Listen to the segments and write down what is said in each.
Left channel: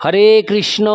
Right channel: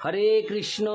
হরে কৃষ্ণ।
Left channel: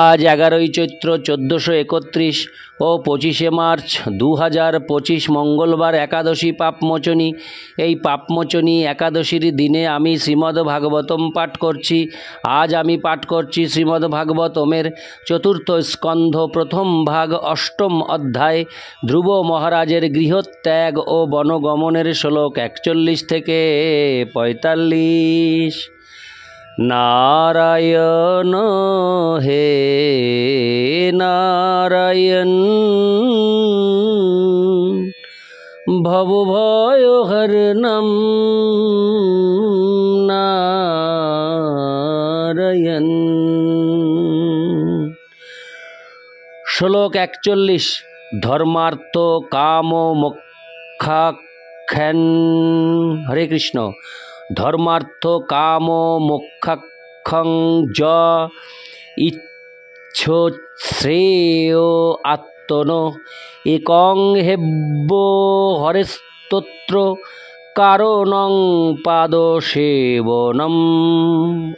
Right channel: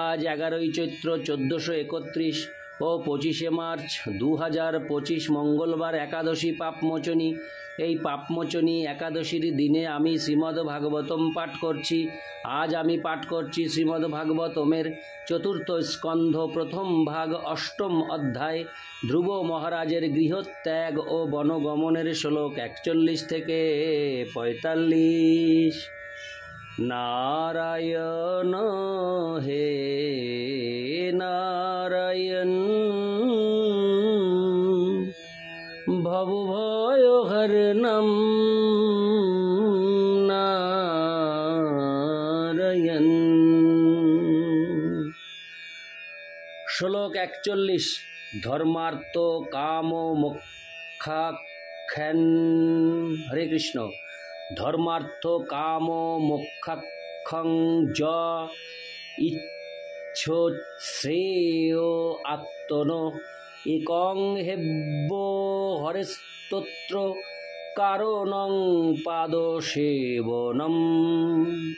আজ 11ই চৈত্র 1431 ও 25শে মার্চ 2025 মঙ্গলবার একাদশী পাপমোচনী। এই পাপমোচনী একাদশীর দিনে আমি শ্রীমদ্ ভাগবতম পাঠ করছি। আজ আমি পাঠ করছি শ্রীমদ্ ভাগবতমের চতুর্থ স্কন্ধ প্রথম ভাগ অষ্টম অধ্যায় ধ্রুব মহারাজের গৃহত্যাগ ও বনগমনের শ্লোক 41 থেকে 45। नारायण हे नारायण भवभयहरणं नारायण। श्लोक 41। धर्मार्थ काम मोक्षाख्यान। हरे कृष्ण। धर्मार्थ काम मोक्षाख्यं ज इच्छोश्रेय आत्मनो एकं हेब्बो हरेस्तोत्र কারণং পাদসেবনম।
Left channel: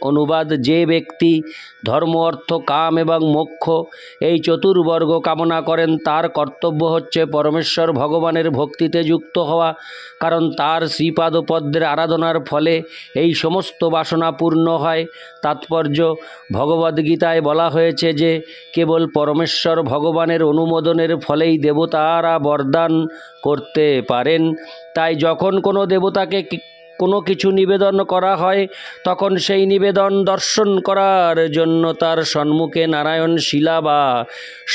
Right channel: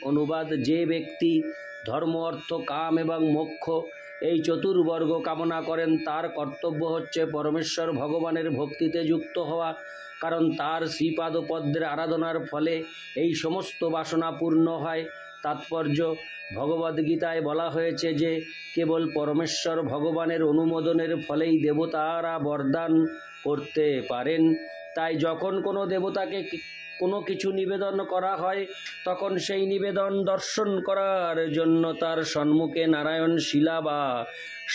অনুবাদ: যে ব্যক্তি ধর্ম, অর্থ, কাম এবং মোক্ষ এই চতুর্বর্গ কামনা করেন তার কর্তব্য হচ্ছে পরমেশ্বর ভগবানের ভক্তিতে যুক্ত হওয়া, কারণ তার শ্রীপাদপদ্মের আরাধনার ফলে এই সমস্ত বাসনা পূর্ণ হয়। তাৎপর্য: ভগবদ্গীতায় বলা হয়েছে যে কেবল পরমেশ্বর ভগবানের অনুমোদনের ফলেই দেবতারা বরদান করতে পারেন। তাই যখন কোনো দেবতাকে কোনো কিছু নিবেদন করা হয় তখন সেই নিবেদন দর্শন করার জন্য তার সম্মুখে নারায়ণ শিলা বা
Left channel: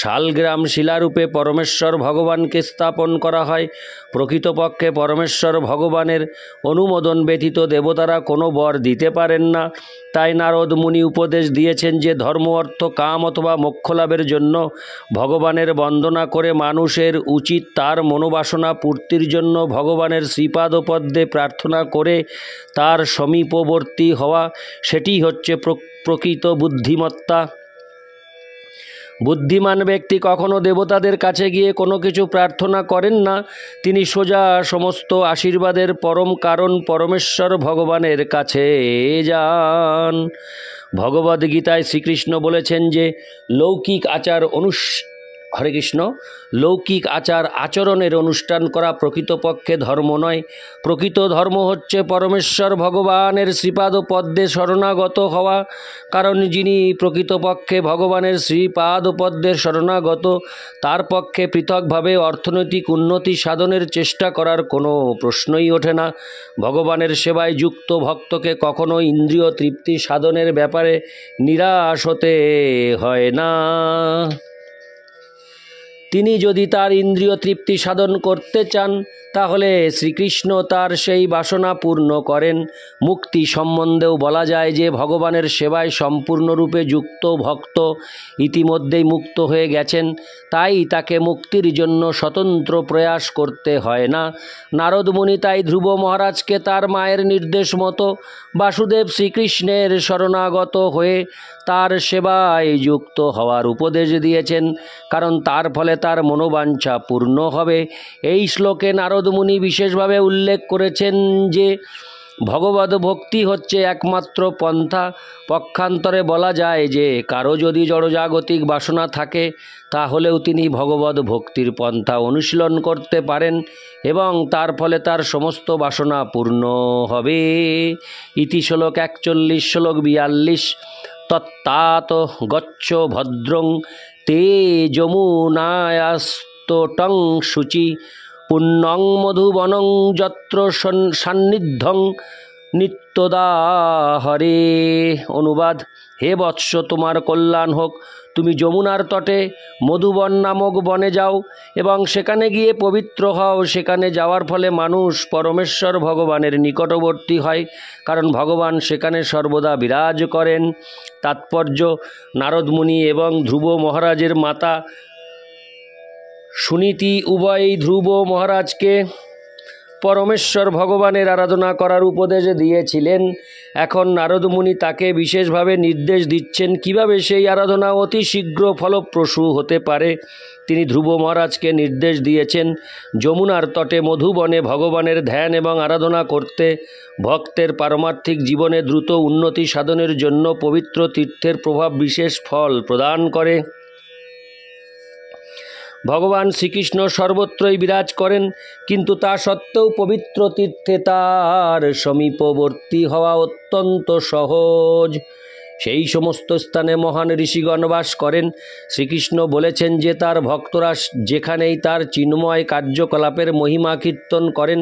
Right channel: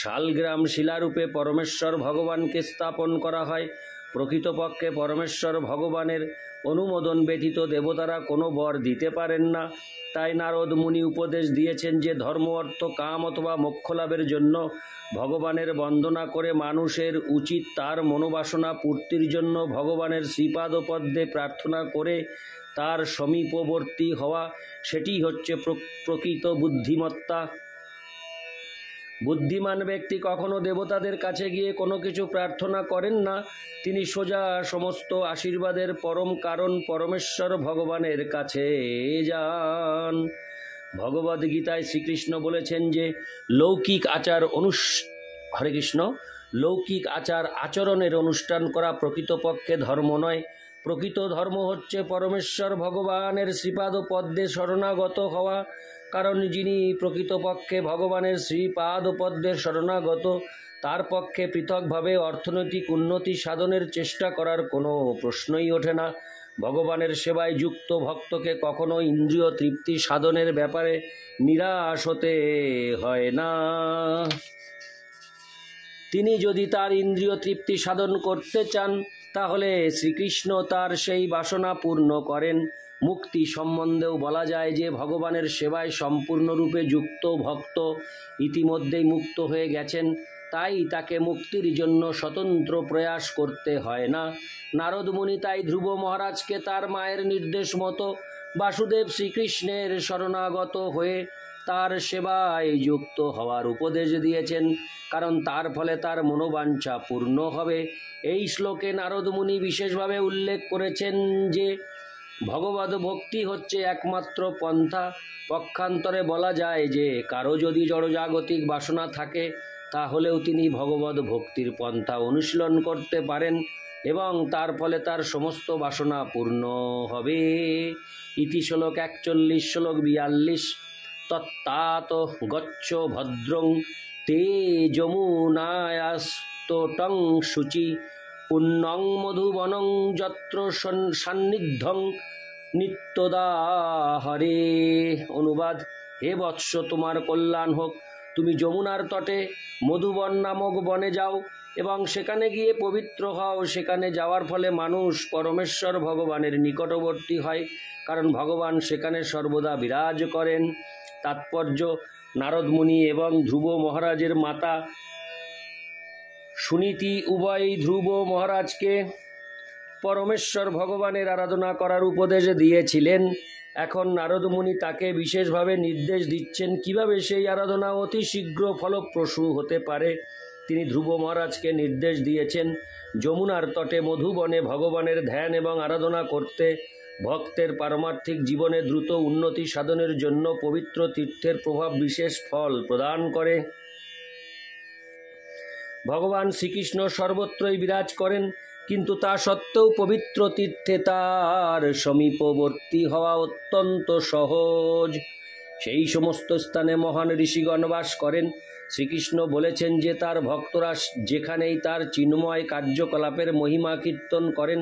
শালগ্রাম শিলারূপে পরমেশ্বর ভগবানকে স্থাপন করা হয়। প্রকৃতপক্ষে পরমেশ্বর ভগবানের অনুমোদন ব্যতীত দেবতারা কোনো বর দিতে পারেন না। তাই নারদ মুনি উপদেশ দিয়েছেন যে ধর্ম, অর্থ, কাম অথবা মোক্ষ লাভের জন্য ভগবানের বন্দনা করে মানুষের উচিত তার মনোবাসনা পূর্তির জন্য ভগবানের শ্রীপাদপদ্মে প্রার্থনা করে তার সমীপবর্তী হওয়া। সেটি হচ্ছে প্রকৃত বুদ্ধিমত্তা। বুদ্ধিমান ব্যক্তি কখনো দেবতাদের কাছে গিয়ে কোনো কিছু প্রার্থনা করেন না। তিনি সোজা সমস্ত আশীর্বাদের পরম কারণ পরমেশ্বর ভগবানের কাছে যান। ভগবদ্গীতায় শ্রীকৃষ্ণ বলেছেন যে লৌকিক আচার হরে কৃষ্ণ। লৌকিক আচরণের অনুষ্ঠান করা প্রকৃতপক্ষে ধর্ম নয়। প্রকৃত ধর্ম হচ্ছে পরমেশ্বর ভগবানের শ্রীপাদপদ্মে শরণাগত হওয়া, কারণ যিনি প্রকৃতপক্ষে ভগবানের শ্রীপাদপদ্মের শরণাগত তার পক্ষে পৃথকভাবে অর্থনৈতিক উন্নতি সাধনের চেষ্টা করার কোনো প্রশ্নই ওঠে না। ভগবানের সেবায় যুক্ত ভক্তকে কখনো ইন্দ্রিয় তৃপ্তি সাধনের ব্যাপারে নিরাশ হতে হয় না। তিনি যদি তার ইন্দ্রিয় তৃপ্তি সাধন করতে চান তাহলে শ্রীকৃষ্ণ তার সেই বাসনা পূর্ণ করেন। মুক্তি সম্বন্ধেও বলা যায় যে ভগবানের সেবায় সম্পূর্ণরূপে যুক্ত ভক্ত ইতিমধ্যেই মুক্ত হয়ে গেছেন, তাই তাকে মুক্তির জন্য স্বতন্ত্র প্রয়াস করতে হয় না। নারদ মুনি তাই ধ্রুব মহারাজকে তার মায়ের নির্দেশ মতো বাসুদেব শ্রীকৃষ্ণের শরণাগত হয়ে তার সেবায় যুক্ত হওয়ার উপদেশ দিয়েছেন, কারণ তার ফলে তার মনোবাঞ্ছা পূর্ণ হবে। এই শ্লোকে নারদ মুনি বিশেষভাবে উল্লেখ করেছেন যে ভগবদ ভক্তি হচ্ছে একমাত্র পন্থা। পক্ষান্তরে বলা যায় যে কারো যদি জড়জাগতিক বাসনা থাকে তাহলেও তিনি ভগবদ ভক্তির পন্থা অনুশীলন করতে পারেন এবং তার ফলে তার সমস্ত বাসনা পূর্ণ হবে। ইতি শ্লোক 41। শ্লোক 42। তত্তাত গচ্ছ ভদ্রং তে যমুনায়াস্তটং শুচি পুণ্যং মধুবনং যত্র সান্নিধ্যং নিত্যদা হরে। অনুবাদ: হে বৎস, তোমার কল্যাণ হোক। তুমি যমুনার তটে মধুবন নামক বনে যাও এবং সেখানে গিয়ে পবিত্র হও। সেখানে যাওয়ার ফলে মানুষ পরমেশ্বর ভগবানের নিকটবর্তী হয়, কারণ ভগবান সেখানে সর্বদা বিরাজ করেন। তাৎপর্য: নারদ মুনি এবং ধ্রুব মহারাজের মাতা সুনীতি উভয়ই ধ্রুব মহারাজকে পরমেশ্বর ভগবানের আরাধনা করার উপদেশ দিয়েছিলেন। এখন নারদ মুনি তাকে বিশেষভাবে নির্দেশ দিচ্ছেন কিভাবে সেই আরাধনা অতি শীঘ্র ফলপ্রসূ হতে পারে। তিনি ধ্রুব মহারাজকে নির্দেশ দিয়েছেন যমুনার তটে মধুবনে ভগবানের ধ্যান এবং আরাধনা করতে। ভক্তের পারমার্থিক জীবনে দ্রুত উন্নতি সাধনের জন্য পবিত্র তীর্থের প্রভাব বিশেষ ফল প্রদান করে। ভগবান শ্রীকৃষ্ণ সর্বত্রই বিরাজ করেন, কিন্তু তা সত্ত্বেও পবিত্র তীর্থে তার সমীপবর্তী হওয়া অত্যন্ত সহজ। সেই সমস্ত স্থানে মহান ঋষিগণ বাস করেন। শ্রীকৃষ্ণ বলেছেন যে তার ভক্তরা যেখানেই তার চিন্ময় কার্যকলাপের মহিমা কীর্তন করেন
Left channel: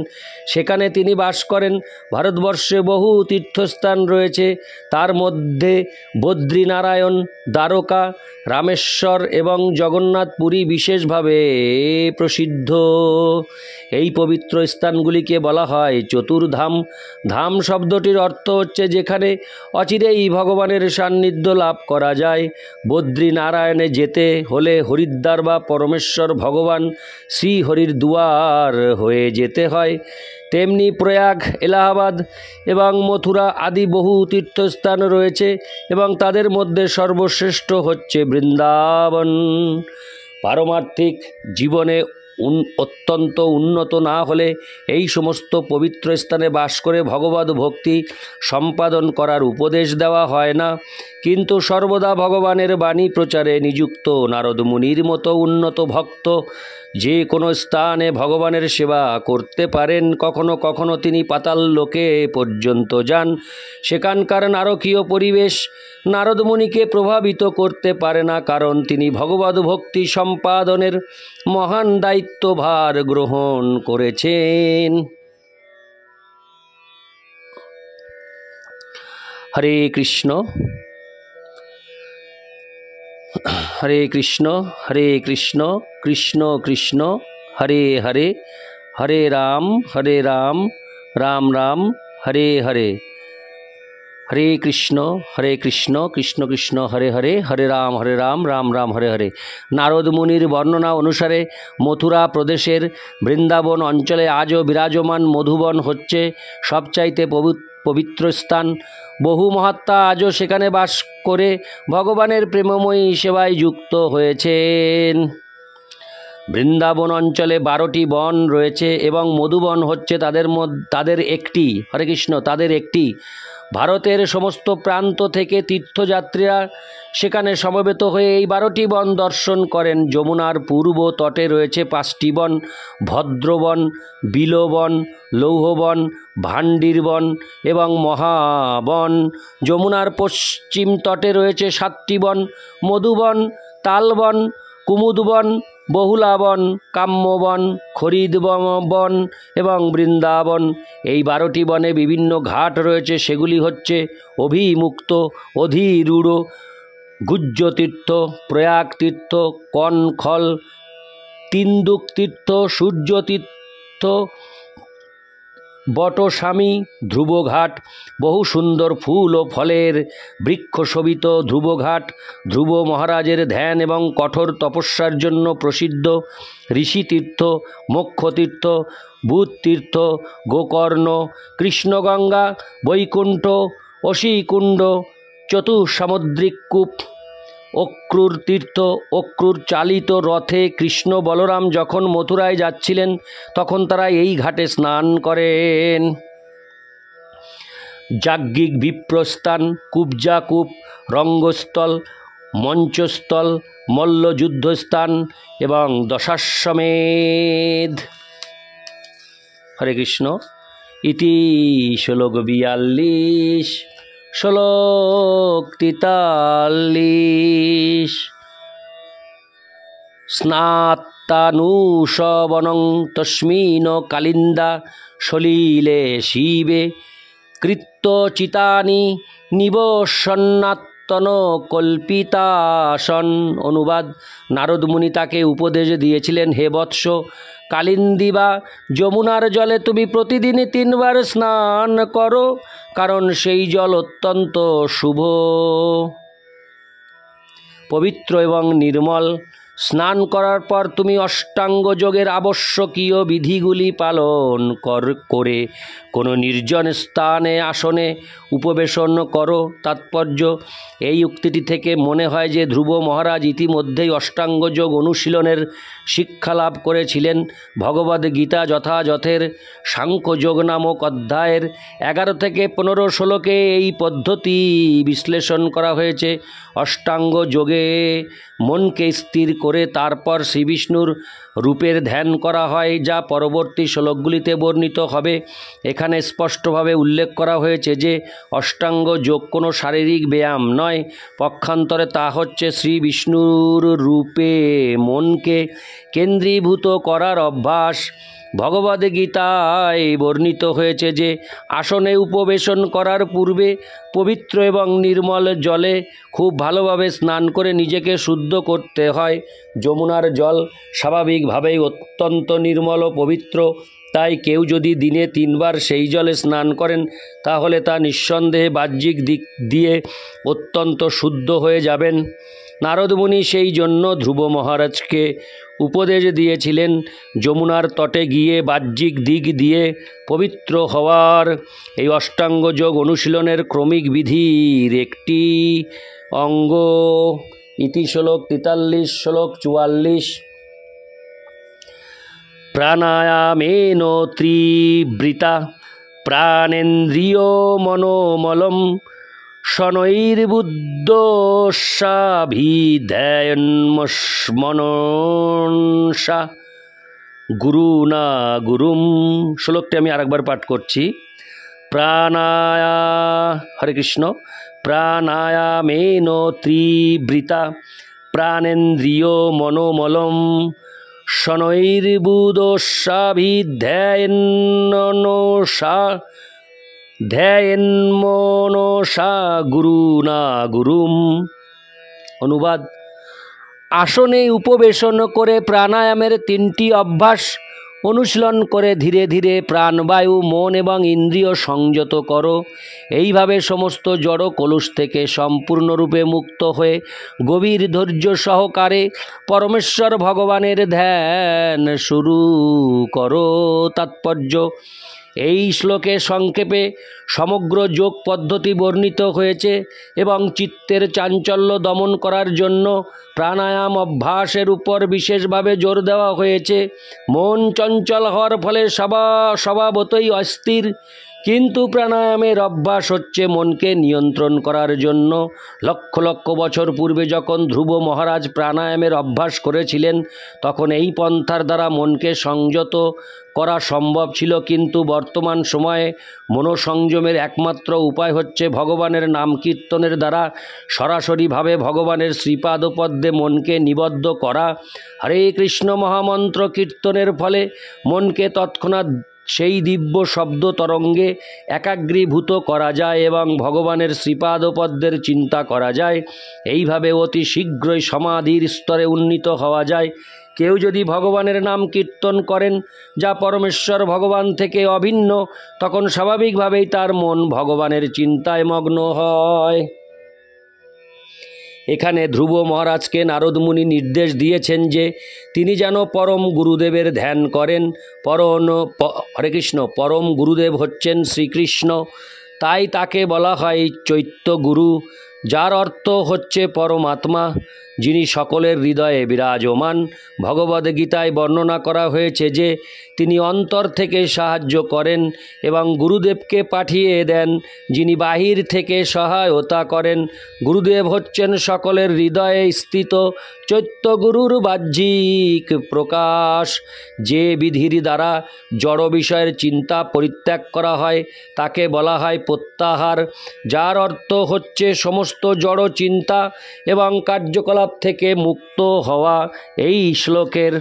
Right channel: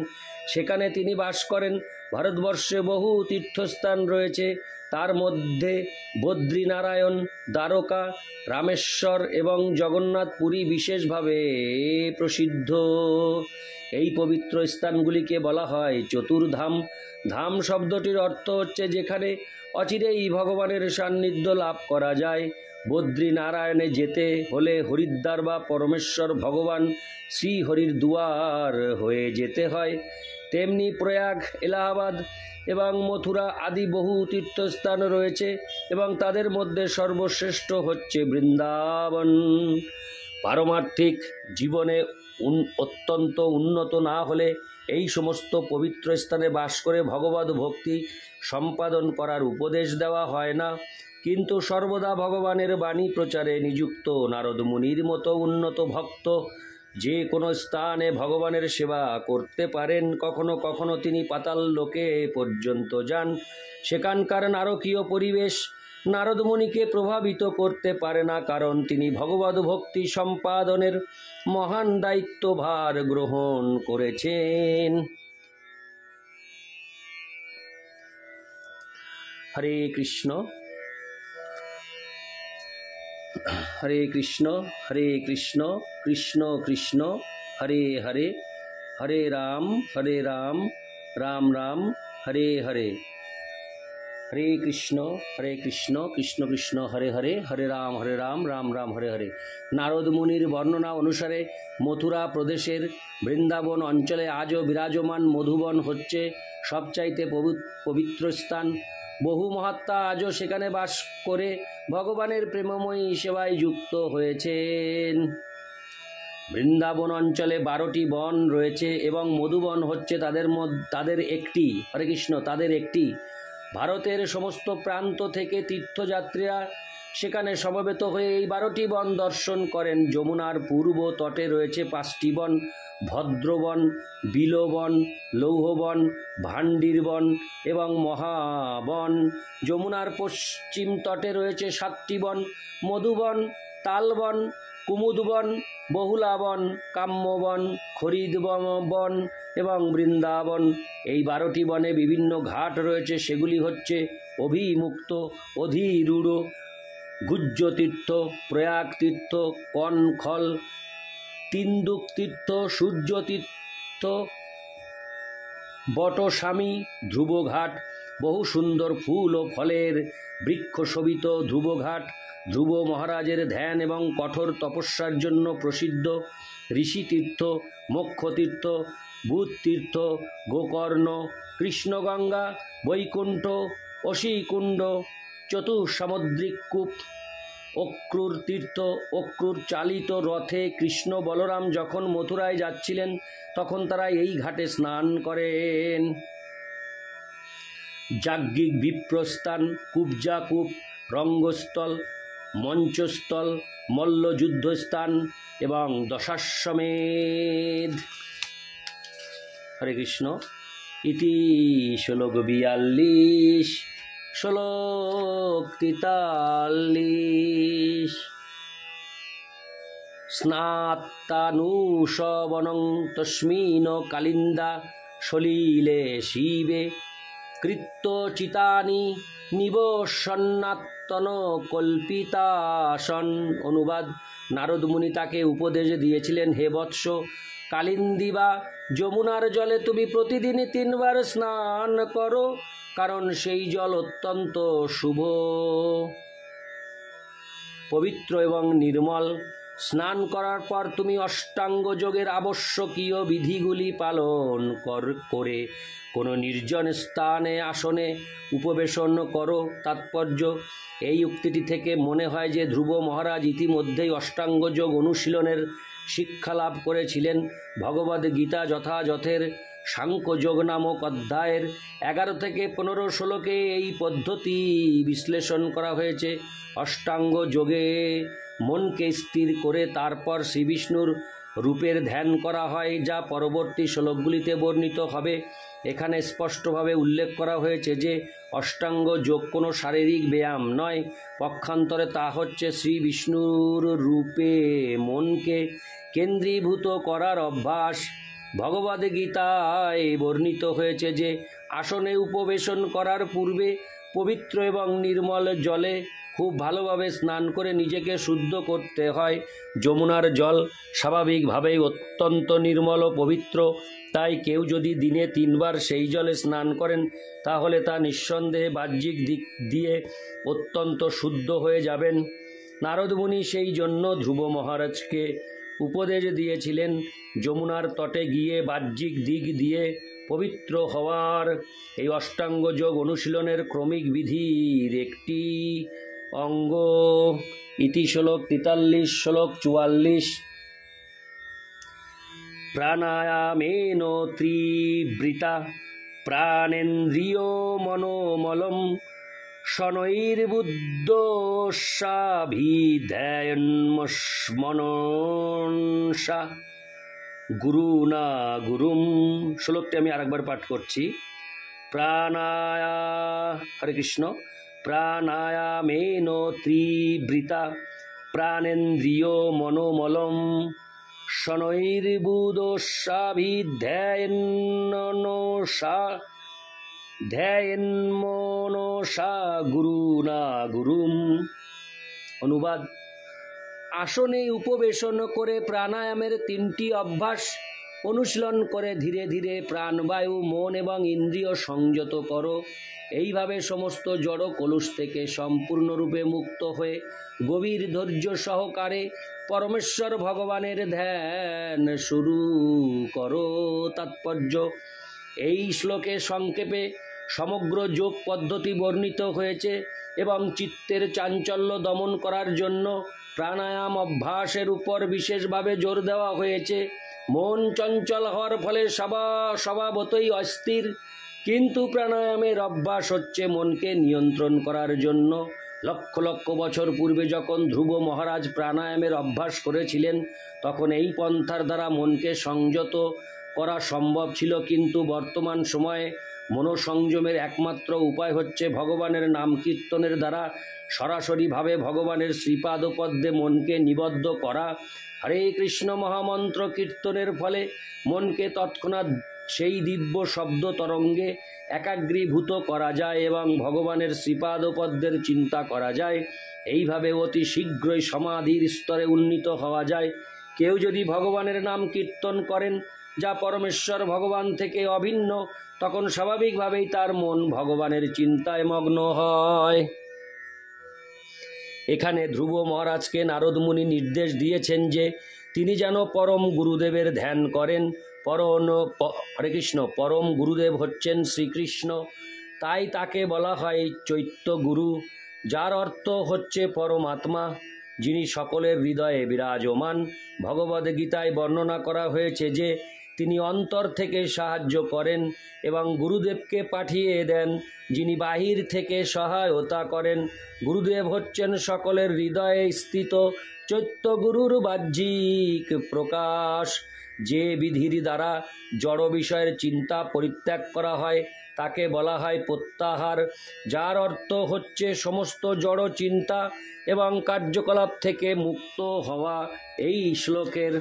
সেখানে তিনি বাস করেন। ভারতবর্ষে বহু তীর্থস্থান রয়েছে, তার মধ্যে বদ্রীনারায়ণ, দ্বারকা, রামেশ্বর এবং জগন্নাথপুরী বিশেষভাবে প্রসিদ্ধ। এই পবিত্র স্থানগুলিকে বলা হয় চতুর্ধাম। ধাম শব্দটির অর্থ হচ্ছে যেখানে অচিরেই ভগবানের সান্নিধ্য লাভ করা যায়। বদ্রীনারায়ণে যেতে হলে হরিদ্বার বা পরমেশ্বর ভগবান শ্রীহরির দুয়ার হয়ে যেতে হয়। তেমনি প্রয়াগ, এলাহাবাদ এবং মথুরা আদি বহু তীর্থস্থান রয়েছে এবং তাদের মধ্যে সর্বশ্রেষ্ঠ হচ্ছে বৃন্দাবন। পারমার্থিক জীবনে অত্যন্ত উন্নত না হলে এই সমস্ত পবিত্র স্থানে বাস করে ভগবদ ভক্তি সম্পাদন করার উপদেশ দেওয়া হয় না। কিন্তু সর্বদা ভগবানের বাণী প্রচারে নিযুক্ত নারদ মুনির মতো উন্নত ভক্ত যে কোনো স্থানে ভগবানের সেবা করতে পারেন। কখনো কখনো তিনি পাতাল লোকে পর্যন্ত যান। সেখানকার নারকীয় পরিবেশ নারদ মুনিকে প্রভাবিত করতে পারে না, কারণ তিনি ভগবদ ভক্তি সম্পাদনের মহান দায়িত্বভার গ্রহণ করেছেন। হরে কৃষ্ণ হরে কৃষ্ণ হরে কৃষ্ণ কৃষ্ণ কৃষ্ণ হরে হরে, হরে রাম রাম রাম হরে হরে। হরে কৃষ্ণ কৃষ্ণ কৃষ্ণ হরে হরে, হরে রাম রাম রাম হরে হরে। নারদ মুনির বর্ণনা অনুসারে মথুরা প্রদেশের বৃন্দাবন অঞ্চলে আজও বিরাজমান মধুবন হচ্ছে সবচাইতে পবিত্র স্থান। বহু মহাত্মা আজও সেখানে বাস করে ভগবানের প্রেমময়ী সেবায় যুক্ত হয়েছেন। বৃন্দাবন অঞ্চলে 12টি বন রয়েছে এবং মধুবন হচ্ছে তাদের একটি। হরে কৃষ্ণ, তাদের একটি। ভারতের সমস্ত প্রান্ত থেকে তীর্থযাত্রীরা সেখানে সমবেত হয়ে এই 12টি বন দর্শন করেন। যমুনার পূর্ব তটে রয়েছে 5টি বন: ভদ্রবন, বিলবন, লৌহবন, ভান্ডিরবন এবং মহাবন। যমুনার পশ্চিম তটে রয়েছে 7টি বন: মধুবন, তালবন, কুমুদবন, বহুলাবন, কাম্যবন, খরিদবন এবং বৃন্দাবন। এই 12টি বনে বিভিন্ন ঘাট রয়েছে। সেগুলি হচ্ছে অভিমুক্ত, অধিরূঢ়, গুজ্জতীর্থ, প্রয়াগ তীর্থ, কনখল, তিন্দুক তীর্থ, সূর্যতীর্থ, বটস্বামী, ধ্রুবঘাট। বহু সুন্দর ফুল ও ফলের বৃক্ষশোভিত ধ্রুবঘাট ধ্রুব মহারাজের ধ্যান এবং কঠোর তপস্যার জন্য প্রসিদ্ধ। ঋষিতীর্থ, মোক্ষতীর্থ, বুধতীর্থ, গোকর্ণ, কৃষ্ণগঙ্গা, বৈকুণ্ঠ, অশীকুণ্ড, চতুসামুদ্রিক কূপ, অক্রুর তীর্থ। অক্রুর চালিত রথে কৃষ্ণ বলরাম যখন মথুরায় যাচ্ছিলেন তখন তারা এই ঘাটে স্নান করেন। যাজ্ঞিক বিপ্রস্থান, কুব্জাকূপ, রঙ্গস্থল, মঞ্চস্থল, মল্লযুদ্ধস্থান এবং দশাশ্বমেধ। হরে কৃষ্ণ। ইতি শ্লোক 42, শ্লোক 43। স্নাত্তানুশবনং তস্মিন কালিন্দা সলিলে শিবে কৃত্যচিতানি নিবসন্নাত্তন কল্পিতাসন। অনুবাদ: নারদ মুনি তাকে উপদেশ দিয়েছিলেন, হে বৎস, কালিন্দী বা যমুনার জলে তুমি প্রতিদিনই 3 বার স্নান করো, কারণ সেই জল অত্যন্ত শুভ, পবিত্র এবং নির্মল। স্নান করার পর তুমি অষ্টাঙ্গ যোগের আবশ্যকীয় বিধিগুলি পালন করে কোনো নির্জন স্থানে আসনে উপবেশন করো। তাৎপর্য, এই উক্তিটি থেকে মনে হয় যে ধ্রুব মহারাজ ইতিমধ্যেই অষ্টাঙ্গ যোগ অনুশীলনের শিক্ষা লাভ করেছিলেন। ভগবদ্ গীতা যথাযথের সাংখ্যযোগ নামক অধ্যায়ের 11 থেকে 15 শ্লোকে এই পদ্ধতি বিশ্লেষণ করা হয়েছে। অষ্টাঙ্গ যোগে মনকে স্থির করে তারপর শ্রীবিষ্ণুর রূপের ধ্যান করা হয়, যা পরবর্তী শ্লোকগুলিতে বর্ণিত হবে। এখানে স্পষ্টভাবে উল্লেখ করা হয়েছে যে অষ্টাঙ্গ যোগ কোনো শারীরিক ব্যায়াম নয়, পক্ষান্তরে তা হচ্ছে শ্রী বিষ্ণুর রূপে মনকে কেন্দ্রীভূত করার অভ্যাস। ভগবদ্গীতায় বর্ণিত হয়েছে যে আসনে উপবেশন করার পূর্বে পবিত্র এবং নির্মল জলে খুব ভালোভাবে স্নান করে নিজেকে শুদ্ধ করতে হয়। যমুনার জল স্বাভাবিকভাবেই অত্যন্ত নির্মল ও পবিত্র, তাই কেউ যদি দিনে 3 বার সেই জলে স্নান করেন তাহলে তা নিঃসন্দেহে বাহ্যিক দিক দিয়ে অত্যন্ত শুদ্ধ হয়ে যাবেন। নারদ মুনি সেই জন্য ধ্রুব মহারাজকে উপদেশ দিয়েছিলেন যমুনার তটে গিয়ে বাহ্যিক দিক দিয়ে পবিত্র হওয়ার। এই অষ্টাঙ্গ যোগ অনুশীলনের ক্রমিক বিধির একটি অঙ্গ। ইতি শ্লোক 43, শ্লোক 44। প্রাণায়ামেন ত্রিবৃতা প্রাণেন্দ্রিয় মনোমলম শনৈর্বুদ্ধস্যাভিধ্যায়ন্মনসা গুরুনা গুরুম। শ্লোকটি আমি আরেকবার পাঠ করছি। হরে কৃষ্ণ। প্রাণায়ামেন ত্রিবৃতা প্রাণেন্দ্রিয় মনোমলম শনৈর্বুদ্ধস্যাভিধ্যায়ন্মনসা ধ্যায়ন্মনসা গুরুনা গুরুম। অনুবাদ: আসনে উপবেশন করে প্রাণায়ামের 3টি অভ্যাস অনুশীলন করে ধীরে ধীরে প্রাণবায়ু, মন এবং ইন্দ্রিয় সংযত করো। এইভাবে সমস্ত জড় কলুষ থেকে সম্পূর্ণরূপে মুক্ত হয়ে গভীর ধৈর্য সহকারে পরমেশ্বর ভগবানের ধ্যান শুরু করো। তাৎপর্য: এই শ্লোকে সংক্ষেপে সমগ্র যোগ পদ্ধতি বর্ণিত হয়েছে এবং চিত্তের চাঞ্চল্য দমন করার জন্য প্রাণায়াম অভ্যাসের উপর বিশেষভাবে জোর দেওয়া হয়েছে। মন চঞ্চল হওয়ার ফলে স্বভাবতই অস্থির, কিন্তু প্রাণায়ামের অভ্যাস হচ্ছে মনকে নিয়ন্ত্রণ করার জন্য। লক্ষ লক্ষ বছর পূর্বে যখন ধ্রুব মহারাজ প্রাণায়ামের অভ্যাস করেছিলেন তখন এই পন্থার দ্বারা মনকে সংযত করা সম্ভব ছিল, কিন্তু বর্তমান সময়ে মনোসংযমের একমাত্র উপায় হচ্ছে ভগবানের নাম কীর্তনের দ্বারা সরাসরিভাবে ভগবানের শ্রীপাদপদ্মে মনকে নিবদ্ধ করা। হরে কৃষ্ণ মহামন্ত্র কীর্তনের ফলে মনকে তৎক্ষণাৎ সেই দিব্য শব্দ তরঙ্গে একাগ্রীভূত করা যায় এবং ভগবানের শ্রীপাদপদ্মের চিন্তা করা যায়। এইভাবে অতি শীঘ্রই সমাধির স্তরে উন্নীত হওয়া যায়। কেউ যদি ভগবানের নাম কীর্তন করেন, যা পরমেশ্বর ভগবান থেকে অভিন্ন, তখন স্বাভাবিকভাবেই তার মন ভগবানের চিন্তায় মগ্ন হয়। এখানে ধ্রুব মহারাজকে নারদ মুনি নির্দেশ দিয়েছেন যে তিনি যেন পরম গুরুদেবের ধ্যান করেন। হরে কৃষ্ণ। পরম গুরুদেব হচ্ছেন শ্রীকৃষ্ণ, তাই তাকে বলা হয় চৈত্য গুরু, যার অর্থ হচ্ছে পরমাত্মা, যিনি সকলের হৃদয়ে বিরাজমান। ভগবদ্গীতায় বর্ণনা করা হয়েছে যে তিনি অন্তর থেকে সাহায্য করেন এবং গুরুদেবকে পাঠিয়ে দেন, যিনি বাহির থেকে সহায়তা করেন। গুরুদেব হচ্ছেন সকলের হৃদয়ে স্থিত চৈত্যগুরুর বাহ্যিক প্রকাশ। যে বিধির দ্বারা জড় বিষয়ের চিন্তা পরিত্যাগ করা হয় তাকে বলা হয় প্রত্যাহার, যার অর্থ হচ্ছে সমস্ত জড় চিন্তা এবং কার্যকলাপ থেকে মুক্ত হওয়া। এই শ্লোকের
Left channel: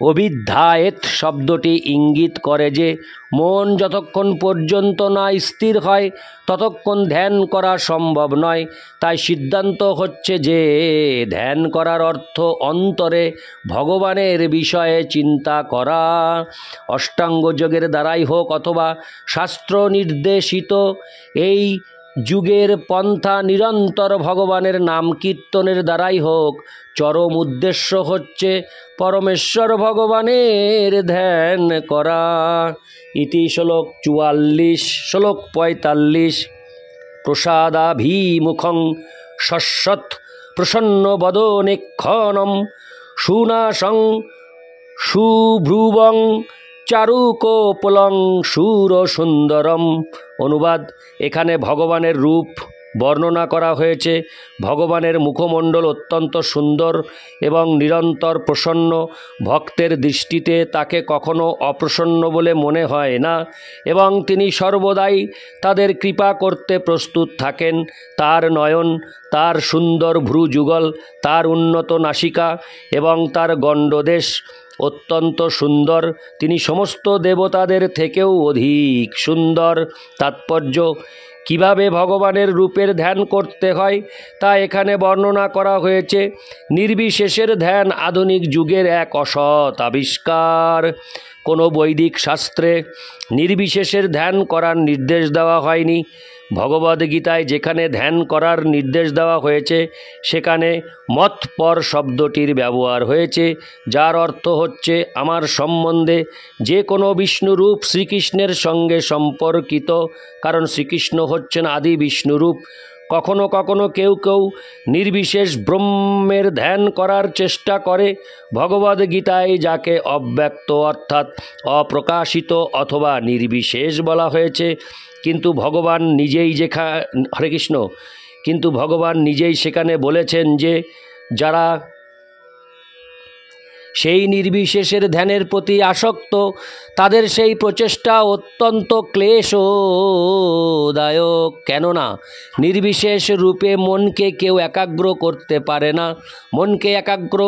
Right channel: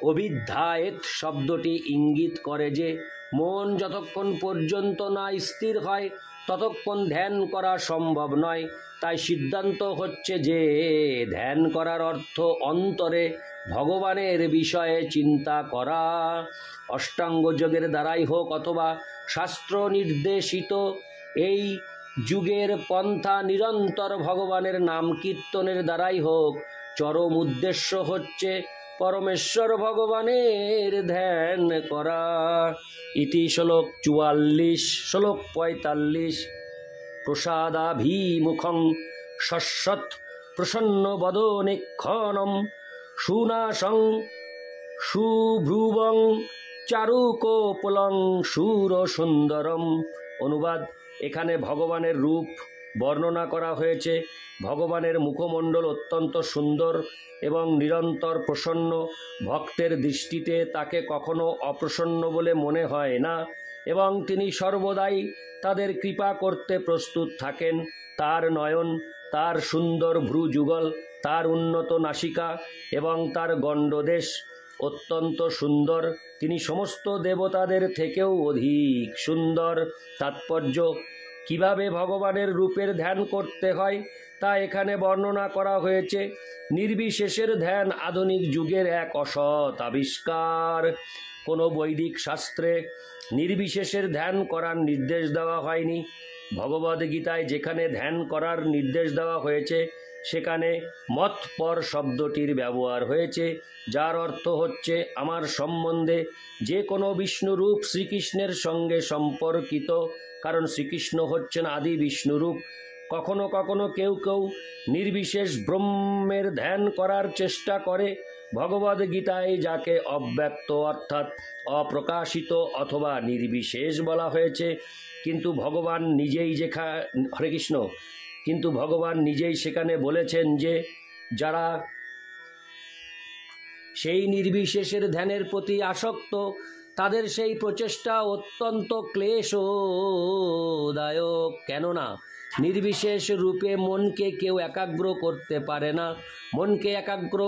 অভিধ্যায়েত শব্দটি ইঙ্গিত করে যে মন যতক্ষণ পর্যন্ত না স্থির হয় ততক্ষণ ধ্যান করা সম্ভব নয়। তাই সিদ্ধান্ত হচ্ছে যে ধ্যান করার অর্থ অন্তরে ভগবানের বিষয়ে চিন্তা করা। অষ্টাঙ্গ যোগের দ্বারাই হোক অথবা শাস্ত্র নির্দেশিত এই যুগের পন্থা নিরন্তর ভগবানের নাম কীর্তনের দ্বারাই হোক, চরম উদ্দেশ্য হচ্ছে পরমেশ্বর ভগবানের ধ্যান করা। ইতি শ্লোক 44। শ্লোক 45। প্রসাদাভিমুখং শশ্বৎ প্রসন্ন বদনেক্ষণম সুনাসং সুভ্রুবং চারুকোপলং সুরসুন্দরম। অনুবাদ: এখানে ভগবানের রূপ বর্ণনা করা হয়েছে। ভগবানের মুখমণ্ডল অত্যন্ত সুন্দর এবং নিরন্তর প্রসন্ন। ভক্তের দৃষ্টিতে তাকে কখনো অপ্রসন্ন বলে মনে হয় না এবং তিনি সর্বদাই তাদের কৃপা করতে প্রস্তুত থাকেন। তার নয়ন, তার সুন্দর ভ্রুযুগল, তার উন্নত নাসিকা এবং তার গণ্ডদেশ অত্যন্ত সুন্দর। তিনি সমস্ত দেবতাদের থেকেও অধিক সুন্দর। তাৎপর্য: কিভাবে ভগবানের রূপের ধ্যান করতে হয় তা এখানে বর্ণনা করা হয়েছে। নির্বিশেষের ধ্যান আধুনিক যুগের এক অসৎ আবিষ্কার। কোনো বৈদিক শাস্ত্রে নির্বিশেষের ধ্যান করার নির্দেশ দেওয়া হয়নি। ভগবদ্গীতায় যেখানে ধ্যান করার নির্দেশ দেওয়া হয়েছে সেখানে মৎপর শব্দটির ব্যবহার হয়েছে, যার অর্থ হচ্ছে আমার সম্বন্ধে। যে কোনো বিষ্ণুরূপ শ্রীকৃষ্ণের সঙ্গে সম্পর্কিত, কারণ শ্রীকৃষ্ণ হচ্ছেন আদি বিষ্ণুরূপ। কখনো কখনো কেউ কেউ নির্বিশেষ ব্রহ্মের ধ্যান করার চেষ্টা করে। ভগবদ্গীতায় যাকে অব্যক্ত অর্থাৎ অপ্রকাশিত অথবা নির্বিশেষ বলা হয়েছে, কিন্তু ভগবান নিজেই হরে কৃষ্ণ, কিন্তু ভগবান নিজেই সেখানে বলেছেন যে যারা সেই নির্বিশেষের ধ্যানের প্রতি আসক্ত তাদের সেই প্রচেষ্টা অত্যন্ত ক্লেশদায়ক। কেননা নির্বিশেষ রূপে মনকে কেউ একাগ্র করতে পারে না। মনকে একাগ্র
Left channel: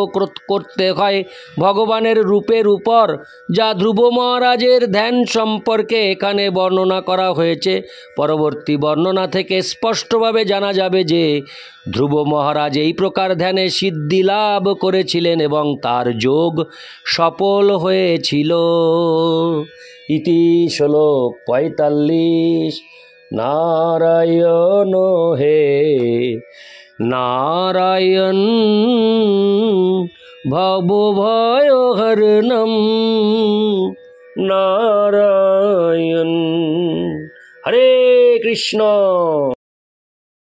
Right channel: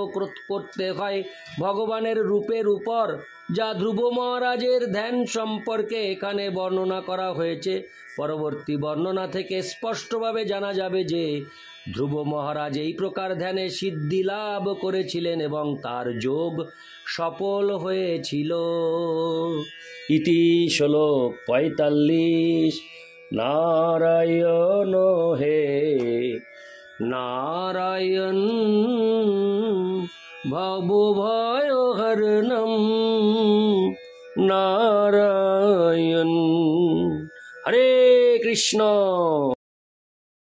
করতে হয় ভগবানের রূপের উপর, যা ধ্রুব মহারাজের ধ্যান সম্পর্কে এখানে বর্ণনা করা হয়েছে। পরবর্তী বর্ণনা থেকে স্পষ্টভাবে জানা যাবে যে ধ্রুব মহারাজ এই প্রকার ধ্যানে সিদ্ধি লাভ করেছিলেন এবং তার যোগ সফল হয়েছিল। ইতি শ্লোক 45। নারায়ণ হে নারায়ণ ভবভয়হরণম নারায়ণ। হরে কৃষ্ণ।